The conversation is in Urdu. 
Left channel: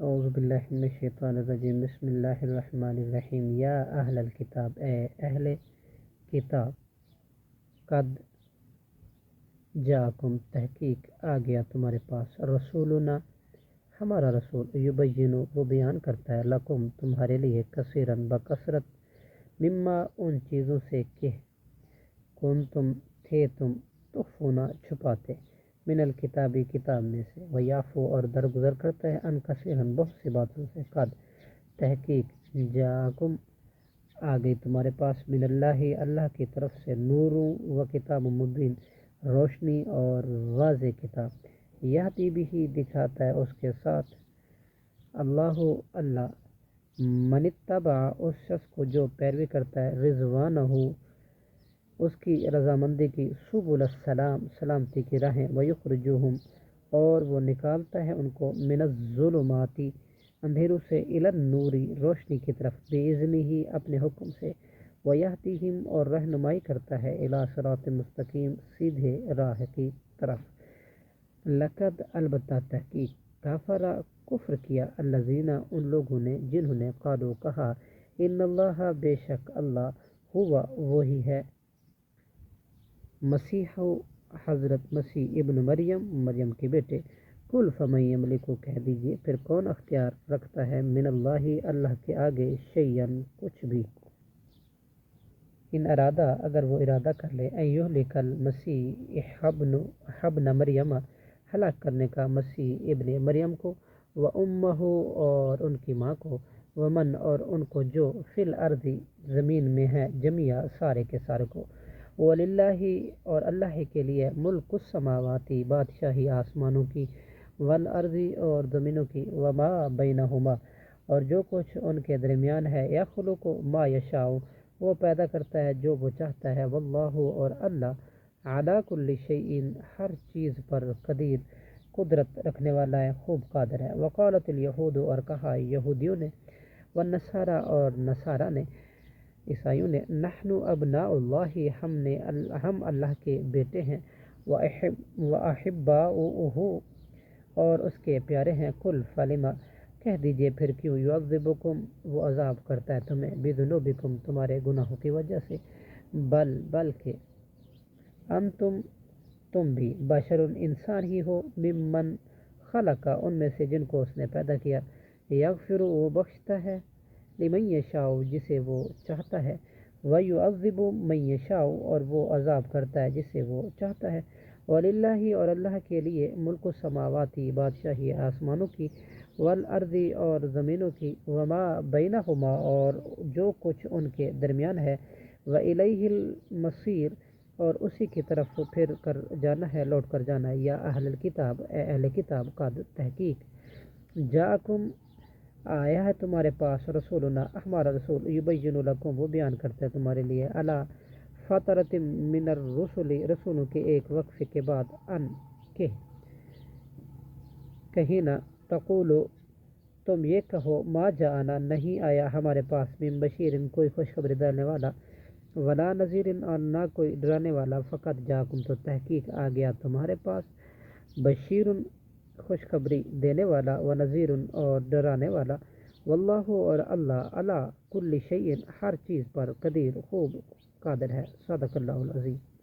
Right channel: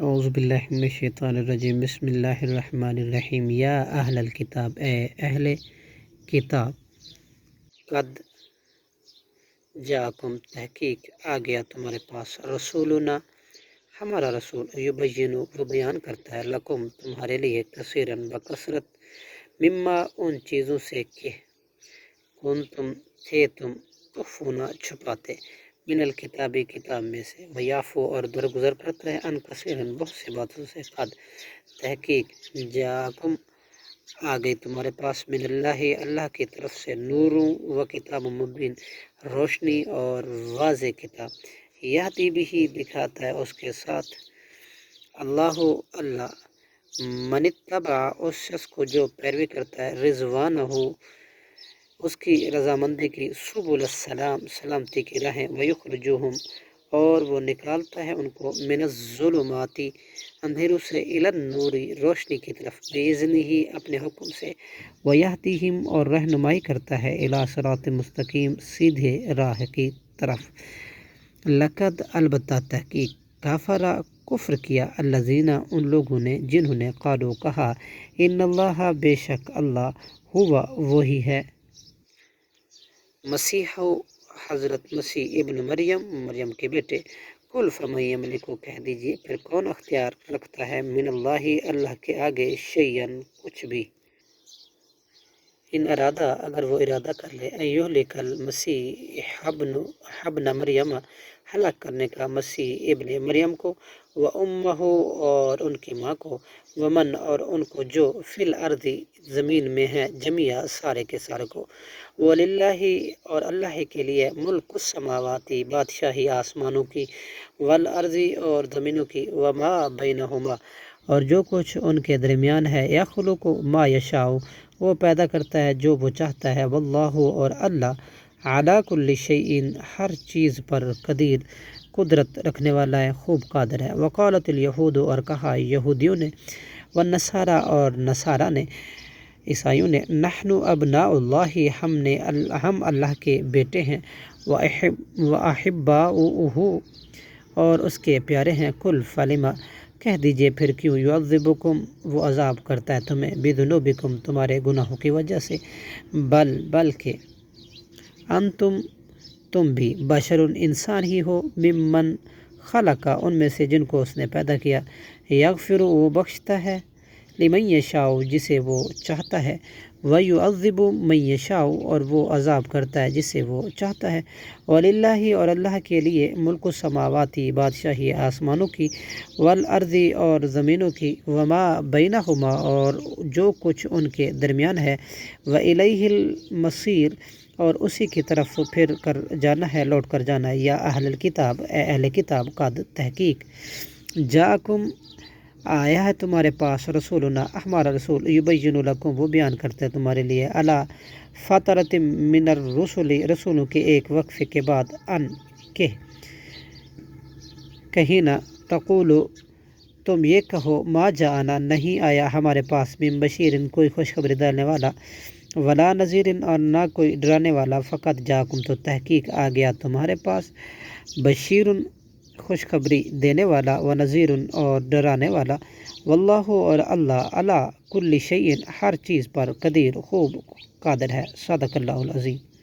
اعوذ باللہ من الشیطان الرجیم، بسم اللہ الرحمن الرحیم۔ یا اہل الکتاب، اے اہل کتاب، قد جاءکم، تحقیق آ گیا تمہارے پاس، رسولنا، ہمارا رسول، یبینُ، وہ بیان کرتا ہے، لکم، تمہارے لیے، کثیراً، بکثرت، مما، ان چیزوں سے کہ کنتم، تھے تم، تخفون، چھپاتے، من الکتابی، کتاب میں سے، ویعفو، اور درگزر کرتا ہے، عن کثیرن، بہت سی باتوں سے، قد، تحقیق، جاءکم، آ گئی تمہارے پاس، من اللہ، اللہ کی طرف سے، نور و کتاب مبین، روشنی اور واضح کتاب، یہدی بھی، دکھاتا ہے اس کے ساتھ، اللہ، اللہ، من اتبع، اس شخص کو جو پیروی کرتا ہے، رضوانہ، اس کی رضامندی کی، سبل السلام، سلامتی کی راہیں، ویخرجوہم، اور وہ نکالتا ہے ان کو، من الظلمات، اندھیروں سے، الی النور، روشنی کی طرف، باذنہ، اپنے حکم سے، ویہدیہم، اور رہنمائی کرتا ہے، الی صراط مستقیم، سیدھے راہ کی طرف، لقد، البتہ، تحقیق، کفر، کفر کیا، الذین، ان لوگوں نے، جنہوں نے، قالوا، کہا، ان اللہ، بے شک اللہ، ہوا، وہی ہے، مسیح، حضرت مسیح ابن مریم، مریم کے بیٹے، قل، فمن یملک، کہہ دیجیے، پھر کون اختیار رکھتا ہے، من اللہ، اللہ کے آگے، شیئا، کچھ بھی، ان ارادہ، اگر وہ ارادہ کر لے، ان یہلک المسیح ابن مریم، ہلاک کرنے کا مسیح ابن مریم کو، و امہ، اور ان کی ماں کو، ومن، اور ان کو جو، فی الارض، زمین میں ہیں، جميعا، سارے کے سارے کو، وللہ، اور اللہ کے لیے، ملک السماوات، بادشاہی آسمانوں کی، والارض، اور زمینوں کی، وما بینہما، اور جو کچھ ان کے درمیان ہے، یخلق ما یشاء، وہ پیدا کرتا ہے جو وہ چاہتا ہے، واللہ، اور اللہ، علی کل شیء، ہر چیز پر، قدیر، قدرت رکھنے والا ہے، خوب قادر ہے، وقالت الیہود، اور کہا یہودیوں نے، والنصارى، اور نصارہ نے، عیسائیوں نے، نحن ابناء اللہ، ہم اللہ کے بیٹے ہیں، وأحباؤہ، اور اس کے پیارے ہیں، قل، فلم، کہہ دیجئے، پھر کیوں، یعذبکم، وہ عذاب کرتا ہے تمہیں، بذنوبکم، تمہارے گناہوں کی وجہ سے، بلکہ، انتم، تم بھی، بشر، انسان ہی ہو، ممن خلق، ان میں سے جن کو اس نے پیدا کیا، یغفر، وہ بخشتا ہے، لمن یشاء، جسے وہ چاہتا ہے، ویعذب من یشاء، اور وہ عذاب کرتا ہے جسے وہ چاہتا ہے، وللہ، اور اللہ کے لیے، ملک السماوات، بادشاہی آسمانوں کی، والارض، اور زمینوں کی، وما بینہما، اور جو کچھ ان کے درمیان ہے، والیہ المصیر، اور اسی کی طرف پھر کر جانا ہے، لوٹ کر جانا ہے، یا اہل الکتاب، اے اہل کتاب، قد، تحقیق، جاءکم، آیا ہے تمہارے پاس، رسولنا، ہمارا رسول، یبین لکم، وہ بیان کرتا ہے تمہارے لیے، علی فترۃ من الرسل، رسولوں کے ایک وقفے کے بعد، ان، کہ، کہیں نہ، تقولو، تم یہ کہو، ما جاءنا، نہیں آیا ہمارے پاس، من بشیر، کوئی خوشخبری دینے والا، ولا نذیر، اور نہ کوئی ڈرانے والا، فقط جاءکم، تو تحقیق آ گیا تمہارے پاس، بشیر، خوشخبری دینے والا، و نذیر، اور ڈرانے والا، واللہ، اور اللہ، علی کل شیء، ہر چیز پر، قدیر، خوب قادر ہے، صدق اللہ العظیم۔